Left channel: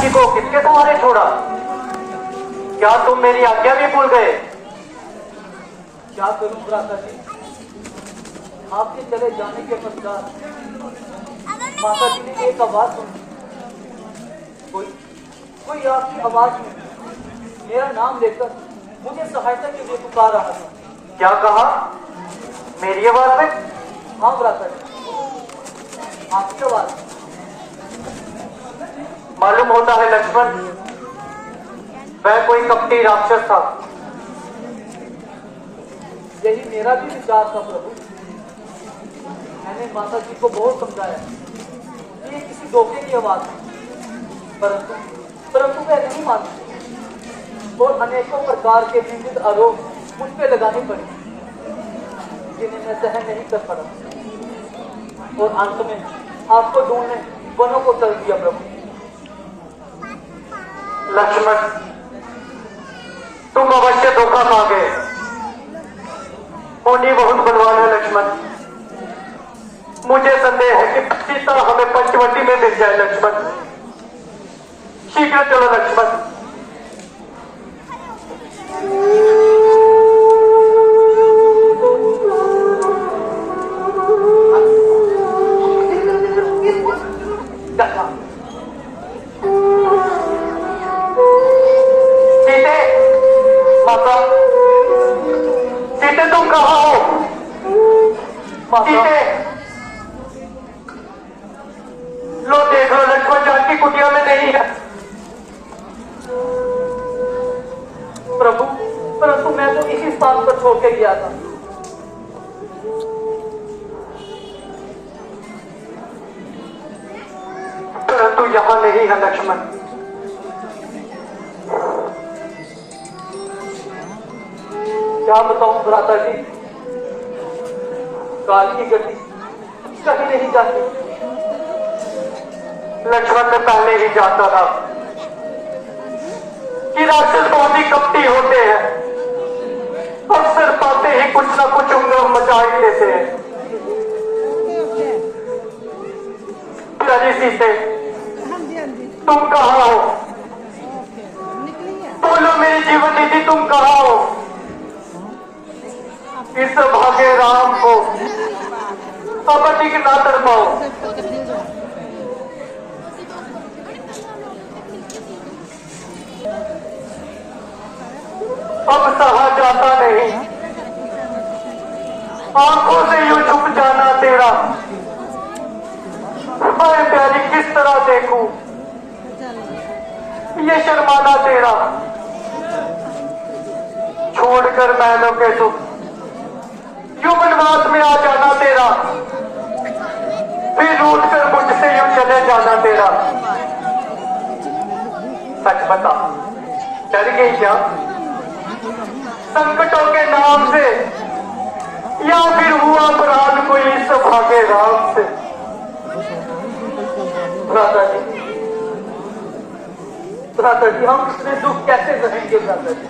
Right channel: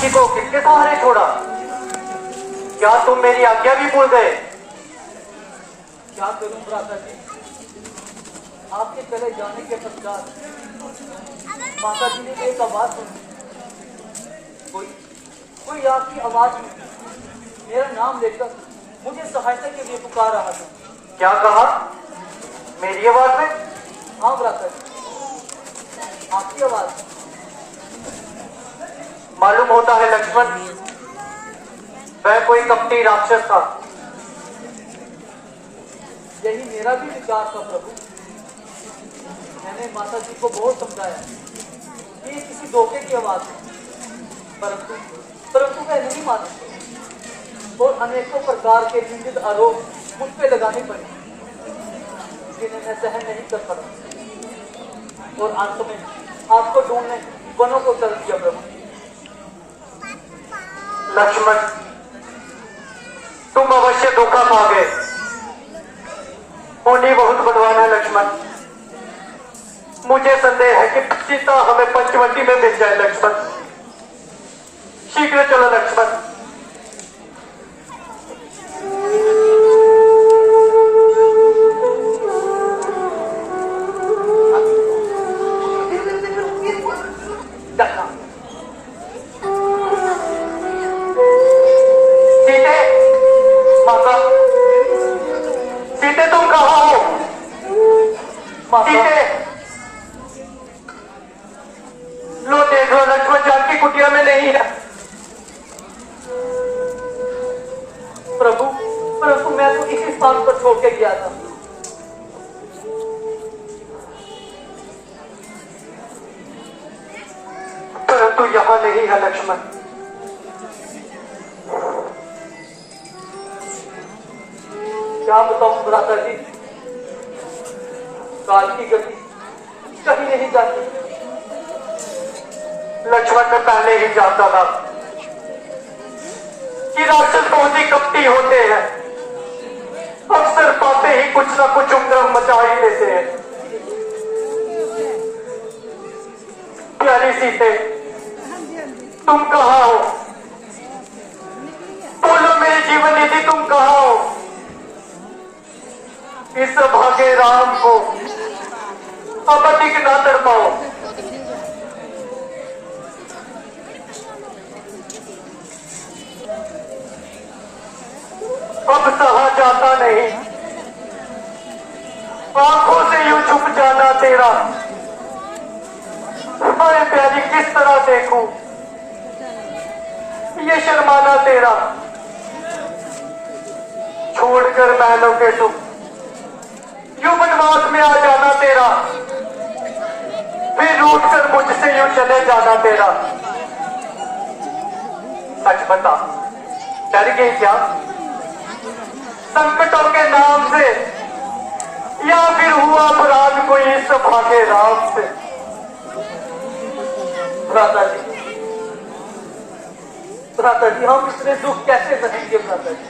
जानकी को किसके सहारे छोड़ा? क्या तुम मेरी आज्ञा भी भूल गए? क्या करूं भ्राता जी, आपके चले जाने के पश्चात माता जी ने एक आवाज सुनी। कोई आपकी आवाज में मेरा नाम लेकर मुझे सहायता के लिए पुकार रहा था। क्या कहा? मेरी आवाज में? हाँ भ्राता जी, आपकी आवाज। मालूम होता है लक्ष्मण, वह कोई कपटी राक्षस था। यही मेरा भी विचार था प्रभु। मैंने माता जी को बहुत समझाया कि ये किसी धोखे की आवाज है, परंतु वह नहीं मानी और अनेकों प्रकार के निंदित आरोप मुझ पे लगाने पड़े, जिन्हें मैं सहन नहीं कर पड़ा और अंत में आपको ढूंढने वनों को चल दिया प्रभु। लक्ष्मण, तुम अवश्य धोखा खा गए। मुनि बहुत बलवान है लक्ष्मण। मुझे संदेह है कि सीता हमें पंचवटी में मिल जाए लक्ष्मण। शीघ्र चलो लक्ष्मण। सीते, माता, सीते तुम कहाँ हो? सीते, लो देख लो, लक्ष्मण जानकी कुटिया में नहीं है। प्रभु, परंतु मैं तो इसी स्थान पर छोड़ के गया था। परंतु यहां नहीं है लक्ष्मण। क्या बताऊं भ्राता जी, काल की गति कहीं नहीं जाती। लक्ष्मण मैं पहले ही जानता था कि राक्षस बहुत ही कपटी होते हैं। अक्सर पाते ही कुछ ना कुछ उंगरम मचा ही देते हैं। प्यारी सीते, तुम कहाँ हो? बोलो मेरी जीवन निधि, तुम कहाँ हो? इस भागे राम को अब अधिक ना तड़पाओ। अब सहा जाता नहीं, आंखों से यूं छुप जाना तेरा। अरे प्यारी किस तरह देखूं ये शर्माना तेरा। छोड़कर महलों के सुख यूं वनवास में आ जाना तेरा, फिर रूठ कर मुझसे यूं चले जाना तेरा। सच बता, डर गई क्या संकटों के नाम से, या फिर हुआ अपराध कोई इस भागे राम से? भ्राता जी, हम इतने दुख कैसे रहेंगे भ्राता जी?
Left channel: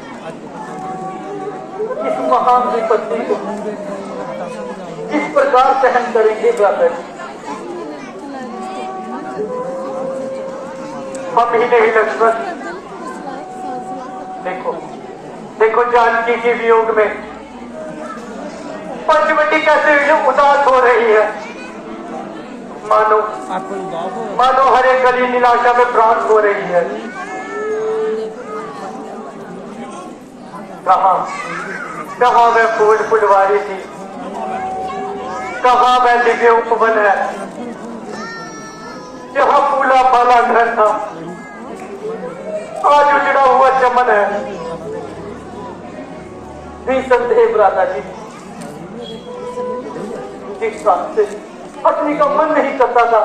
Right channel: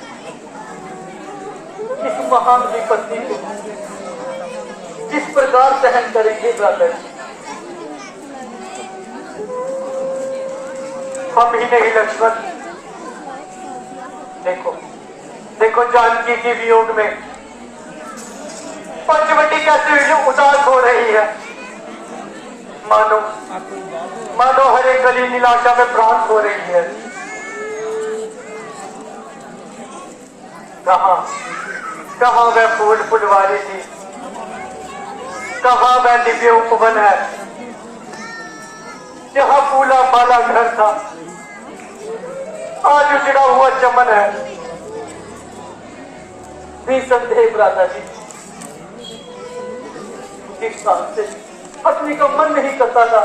इस महान विपत्ति को किस प्रकार सहन करेंगे भ्राता जी? हम ही नहीं लक्ष्मण, देखो जानकी के वियोग में पंचवटी कैसे उदास हो रही है। मानो हर एक गली निराशा में प्राण हो रही है। कहाँ वह फूल फुलवारी थी, कहाँ वह दिव्य उपवन है जहाँ फूला फाला घर था, आज उजड़ा हुआ चमन है। निसंदेह भ्राता जी, जिस काम से पत्नी का मन नहीं करता था,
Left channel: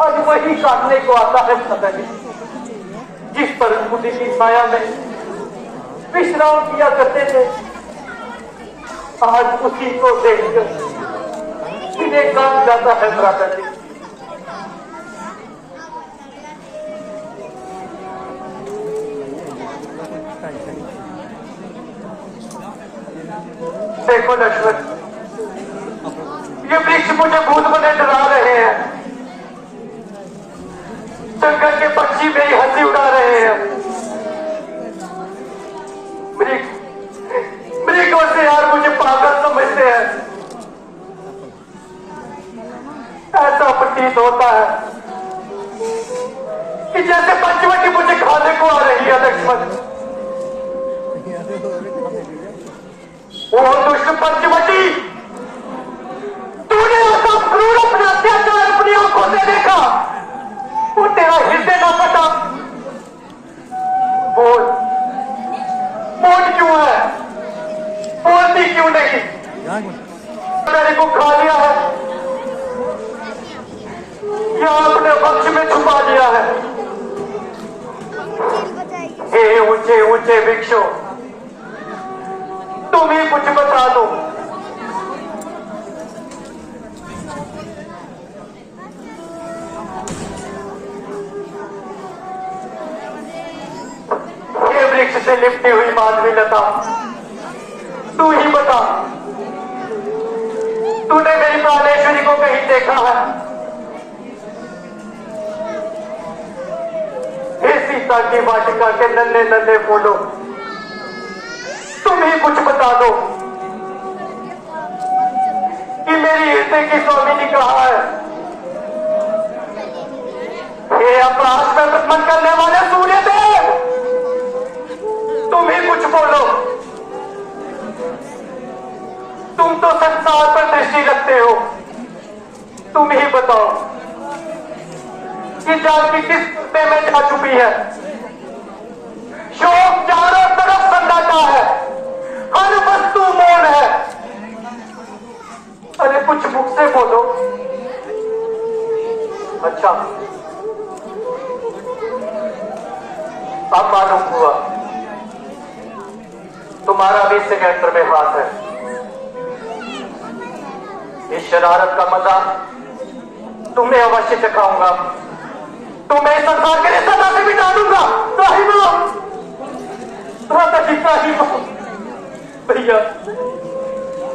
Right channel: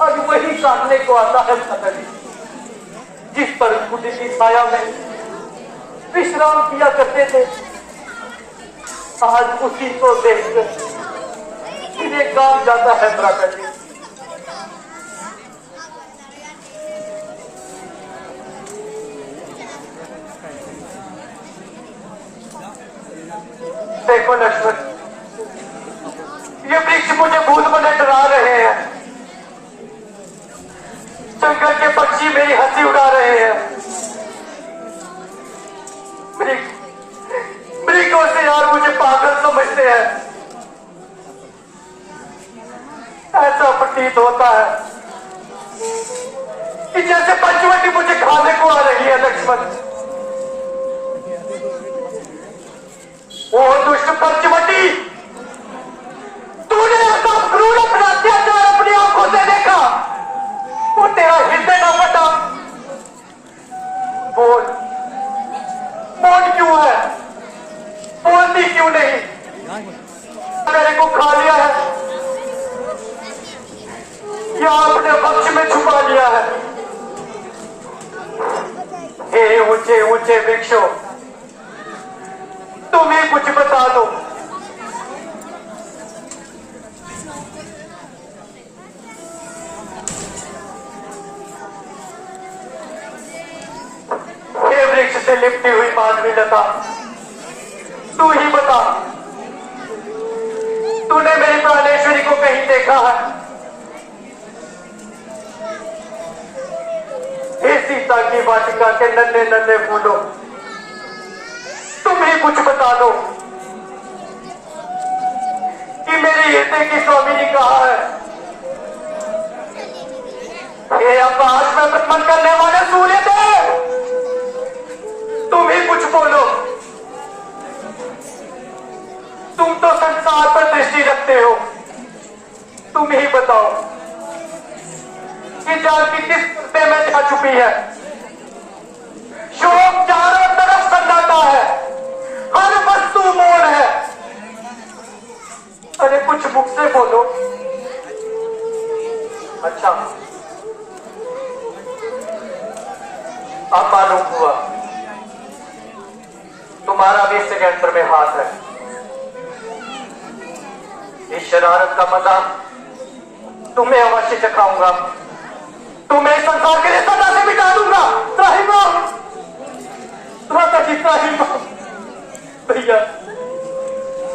आज वही काटने को आता है भ्राता जी। जिस पर बुद्धि की छाया में विश्राम किया करते थे, आज उसी को देखकर सीधे काम जाता है भ्राता जी। देखो लक्ष्मण, ये वृक्ष मुझे भूत बने डरा रहे हैं। जंगल के पक्षी मेरी हंसी उड़ा रहे हैं। मृगों से यार मुझे पागल समझते हैं। ऐसा प्रतीत होता है कि जैसे पंचवटी मुझे खाने को आ रही है लक्ष्मण। वो दुष्ट पंचवटी, तूने ऐसा क्रूर अपना अत्याचार अपनी आंखों से देखा, वो तेरा हृदय न फटा। बोल बोल क्यों है, बोलती क्यों नहीं? मेरे को खा लिया है या अपने पक्ष में छुपा लिया है? हे ऊंचे ऊंचे वृक्षों, तुम ही कुछ बता दो। हे वृक्ष से लिपटी हुई माधवी लता, तू ही बता, तूने मेरी प्राणेश्वरी को कहीं देखा है? हे सीता की वाटिका के नन्हे नन्हे फूलों, तुम ही कुछ बता दो कि मेरी हृदय की स्वामिनी कहाँ है? हे आकाश में प्रकट करने वाले सूर्य देव, तुम ही कुछ बोलो। तुम तो संसार पर दृष्टि रखते हो, तुम ही बताओ कि जानकी किस कुत्ते में जा छुपी है? शोक चारों तरफ सन्नाटा है, हर वस्तु मौन है। अरे कुछ मुख से बोलो। अच्छा, अब मालूम हुआ तुम्हारा भी सिलेंडर में हाथ है। इस शरारत का मजा तुम्हें अवश्य चखाऊंगा, तुम्हें इस संसार के लिए सदा से मिटा दूंगा। त्राहिमाम, भ्राता जी त्राहिमाम। भैया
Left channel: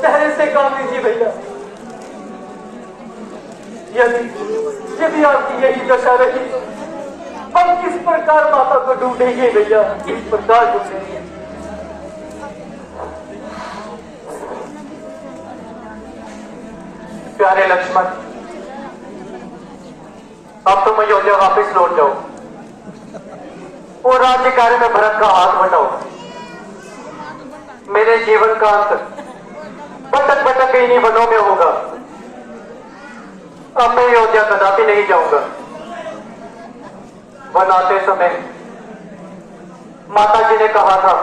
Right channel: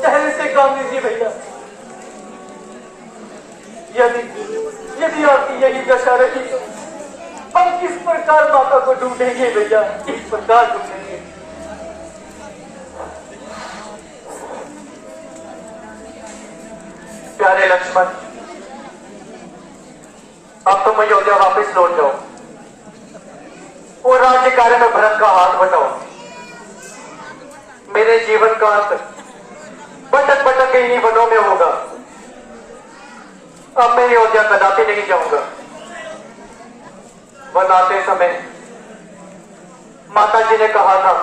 सहरे से काम लीजिए भैया। यदि आपकी यही दशा रही तो हम किस प्रकार माता को ढूंढेंगे भैया, किस प्रकार ढूंढेंगे? प्यारे लक्ष्मण, अब तुम अयोध्या वापस लौट जाओ और राज्य कार्य में भरत का हाथ बटाओ। मेरे जीवन का अंत भटक भटक इन्हीं वनों में होगा। अब मैं अयोध्या कदापि नहीं जाऊंगा। वन आते समय माता जी ने कहा था,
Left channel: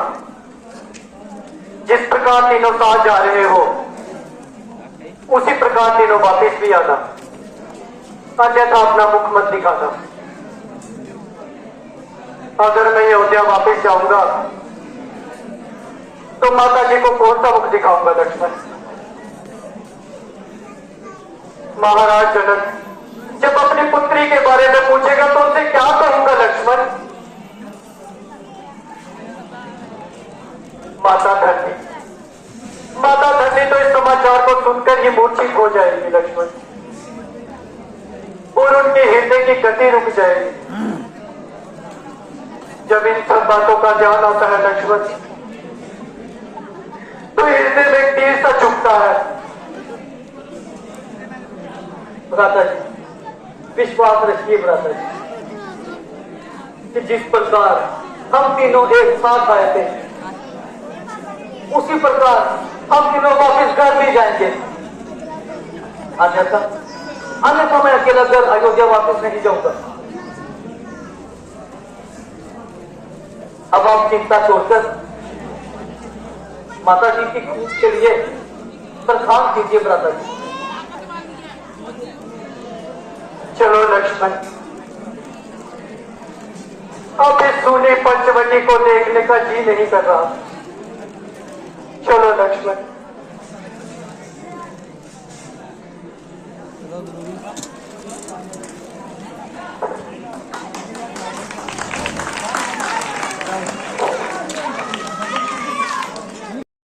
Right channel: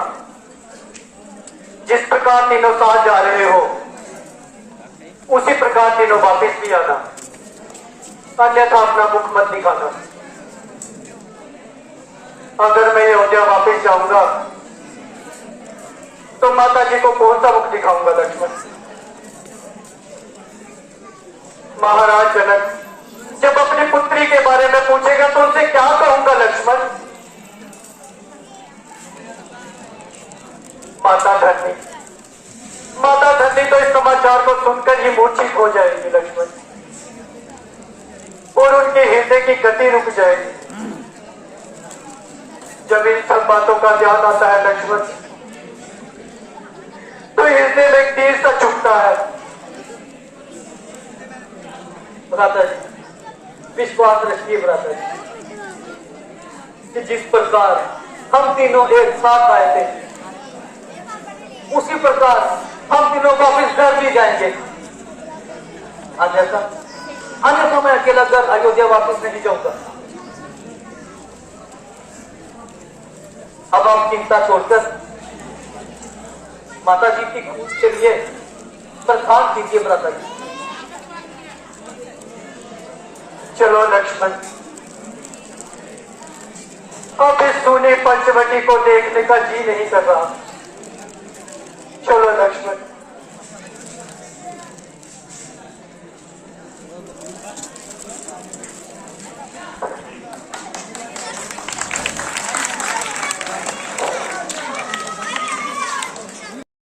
जिस प्रकार तीनों साथ जा रहे हो उसी प्रकार तीनों वापस भी आना, अन्यथा अपना मुख मत दिखाना। अगर मैं अयोध्या वापस जाऊंगा तो माता जी को कौन सा मुख दिखाऊंगा लक्ष्मण? महाराज जनक जब अपनी पुत्री के बारे में पूछेगा तो उनसे क्या कहूंगा लक्ष्मण? माता धरनी तो इस समाचार को सुनकर ही मूर्छित हो जाएगी लक्ष्मण, और उनके हृदय की गति रुक जाएगी। जब इन सब बातों का ध्यान आता है लक्ष्मण, तो हृदय में तीर सा चुभता है। भ्राता जी विश्वास रखिए भ्राता जी, कि जिस प्रकार हम तीनों एक साथ आए थे उसी प्रकार हम तीनों वापस घर भी जाएंगे। अन्यथा मैं अकेला घर अयोध्या वापस नहीं जाऊंगा। अब आप चिंता छोड़कर माता जी की खून के लिए प्रस्थान कीजिए भ्राता जी। चलो लक्ष्मण, अब इस सूनी पंचवटी को देखने का जी नहीं कर रहा। चलो लक्ष्मण।